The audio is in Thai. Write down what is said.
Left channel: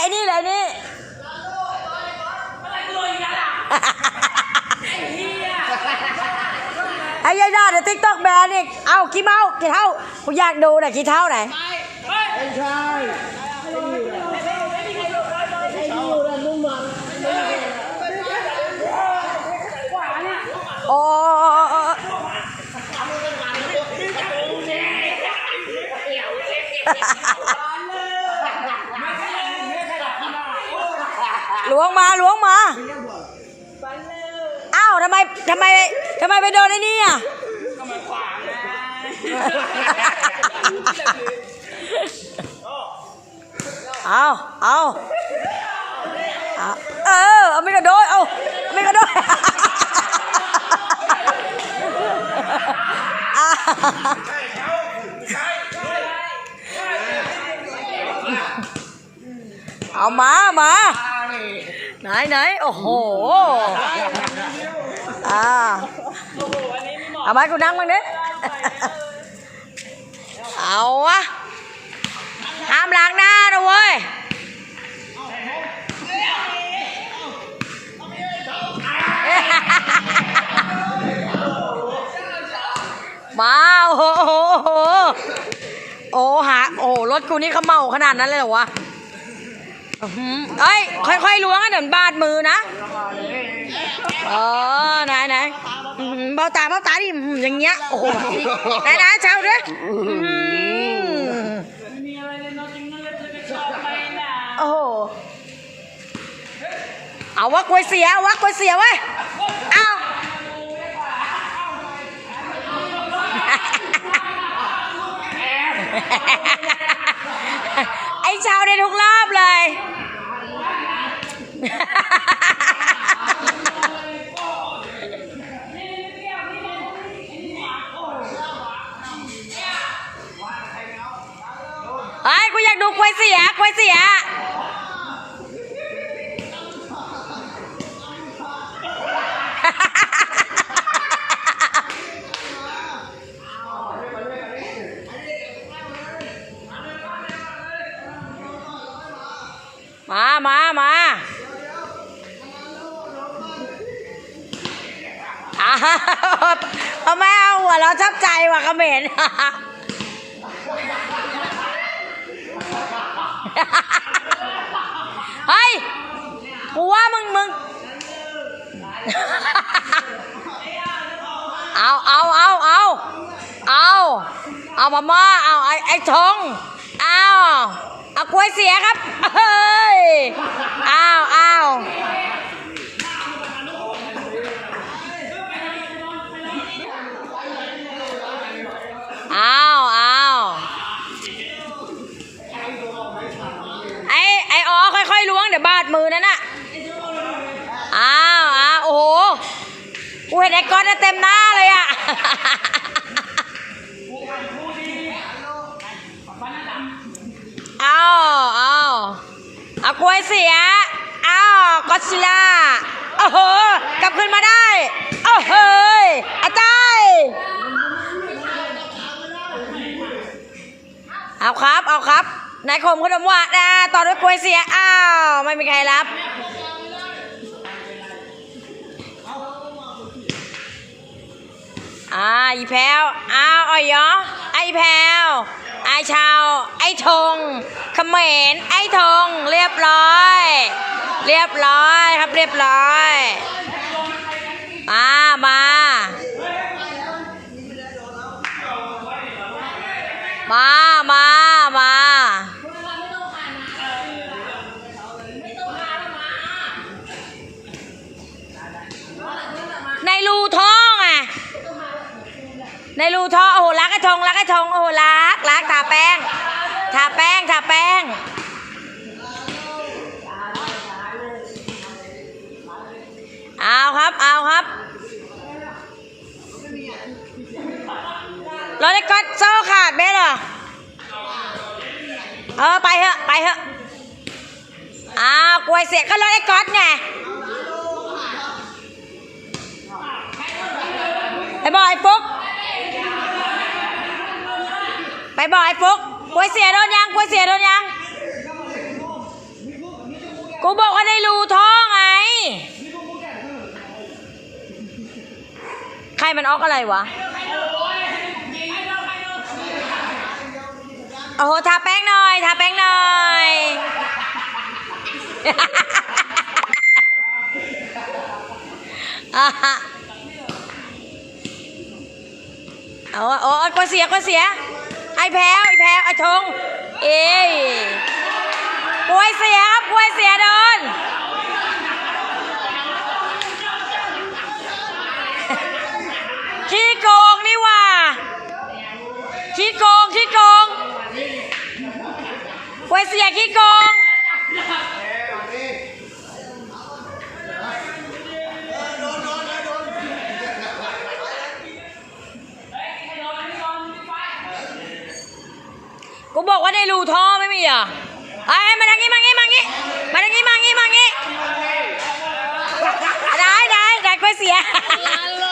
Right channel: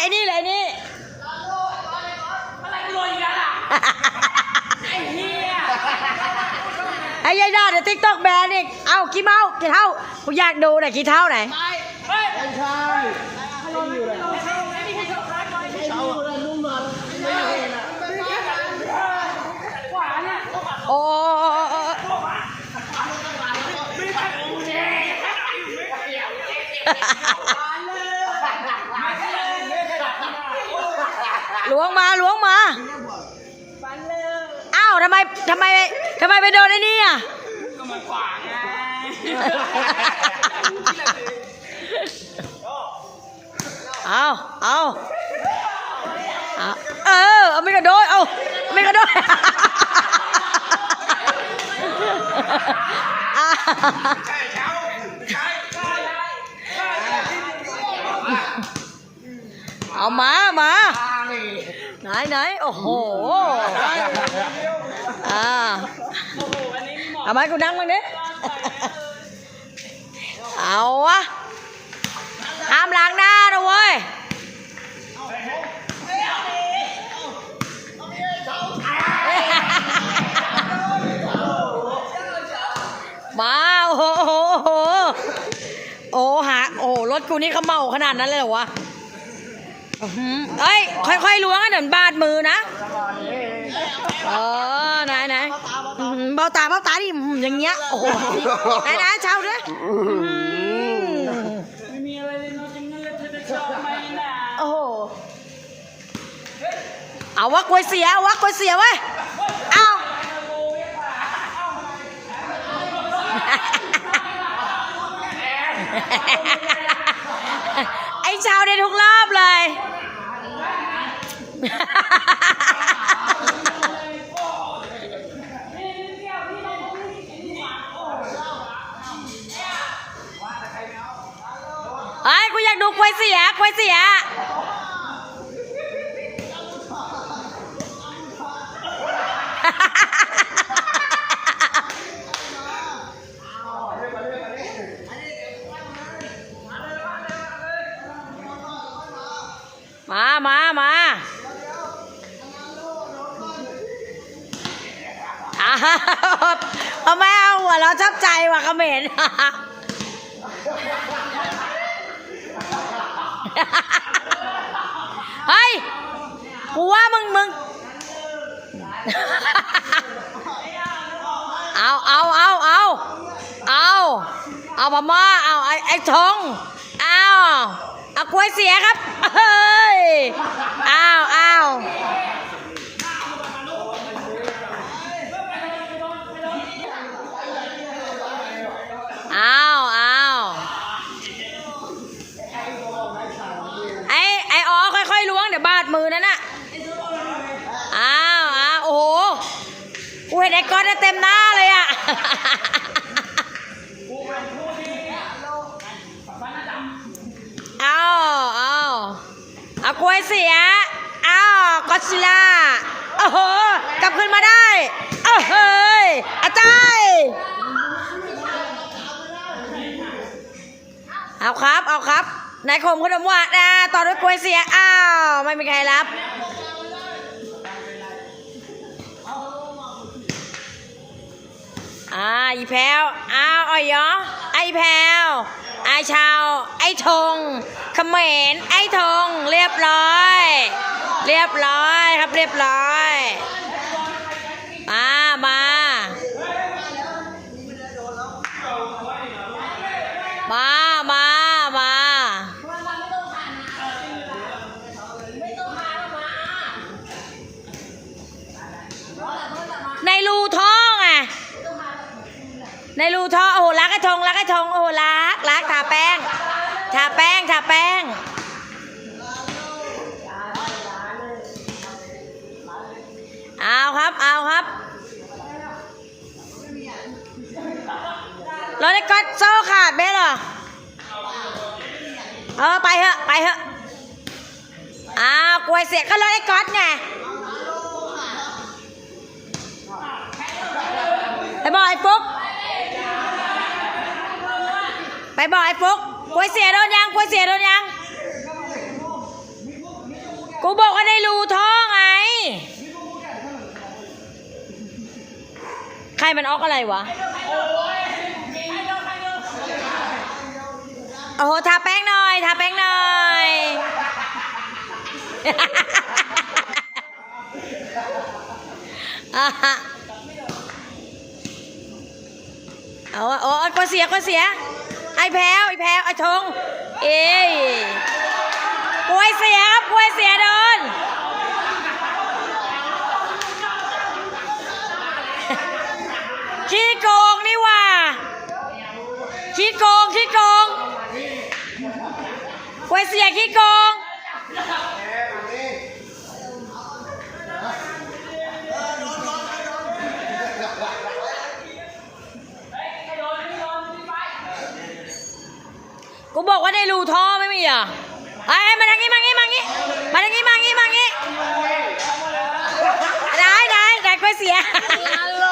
ไอ้นี่เลยนี่ไอ้ยายดาเดี๋ยวติ๊กตอกแบนอีก เอากี่เมากี่เท่ากูอยากดูหน่อยกี่เท่าไหนโอ้ ล้วงมาล้วงมาเอ้าทำไมทำไมทำไมไปโดนไอ้นี่อะเอาเอาเอาเออเอาไม่กระโดดเอาไม่กระโดดเอามามา ไหนไหนโอ้โหอ่าเอาไม้กูนั่งมั้างดิเอาวะห้ามล้างหน้านะเว้ยมาโอ้โหโอ้หาโอ้รถกูนี่เขาเมาขนาดนั้นเลยเหรอวะ เอ้ยค่อยๆล้วงให้เดี๋ยวบาดมือนะเออไหนไหนอื้อหือเบ้าตาเบ้าตาดิอื้อย่างเงี้ยโอ้โหไหนไหนเช้าดิอื้อหือโอ้โหเอาวะกล้วยเสียเอาวะกล้วยเสียเว้ยเอาไอ้เช้าได้ทุกรอบเลย ไอ้ยกูอยากดูกล้วยเสียกล้วยเสียมา มามาอ้าทำไมเอาหัวเราชับใจว่ะเขมร เฮ้ยกูว่ามึงมึง เอาเอาเอาเอาเอาเอามาม่าเอาไอ้ไอ้ทองเอาเอากล้วยเสียครับ เฮ้ยเอาเอาเอาเอาไอ้ไอ้อ๋อค่อยๆล้วงเดี๋ยว บาดมือนั่นน่ะ อ้าวอ้าวโอ้โห กูเห็นไอ้ก๊อตน่ะเต็มหน้าเลยอะเอาเอาเอากล้วยเสียเอาก็อดซิลล่า โอ้โห กลับขึ้นมาได้ โอ้โหยอาจารย์เอาครับ เอาครับ นายคมขนมหวานนะต่อด้วยกล้วยเสีย อ้าว ไม่มีใครรับ อ่าอีแพลวอ้าวอ้อยยอไอแพลวไอชาว ไอธงเขมรไอธงเรียบร้อย เรียบร้อยครับเรียบร้อย มา มามา มา ในรูท่อโอ้โหรักไอ้ทงรักไอ้ทงโอ้โหรักรักทาแป้งทาแป้งทาแป้งเอาครับเอาครับรถไอ้ก๊อตโซ่ขาดเบ้เหรอเออไปเถอะไปเถอะอ้าวกลวยเสียก็รถไอ้ก๊อตไงไอ้บอยฟุก ไปบอกไอ้ฟุกกล้วยเสียโดนยังกล้วยเสียโดนยัง กูบอกว่าได้รูท่อไง ใครมันออกอะไรวะ โอ้โห ทาแป้งหน่อย ทาแป้งหน่อยอะฮะเอาอะโอ้กลัวเสียกลัวเสีย ไอ้แพ้วไอ้แพ้วไอ้ทงเอ้ยป่วยเสียครับป่วยเสียโดนขี้โกงนี่ว่าขี้โกงขี้โกงป่วยเสียขี้โกง รูท่อไม่มีอะไอ้มาทางนี้มางี้มางี้มาทางนี้มางี้มางี้ได้ได้ได้ก็เสียฮัลโหล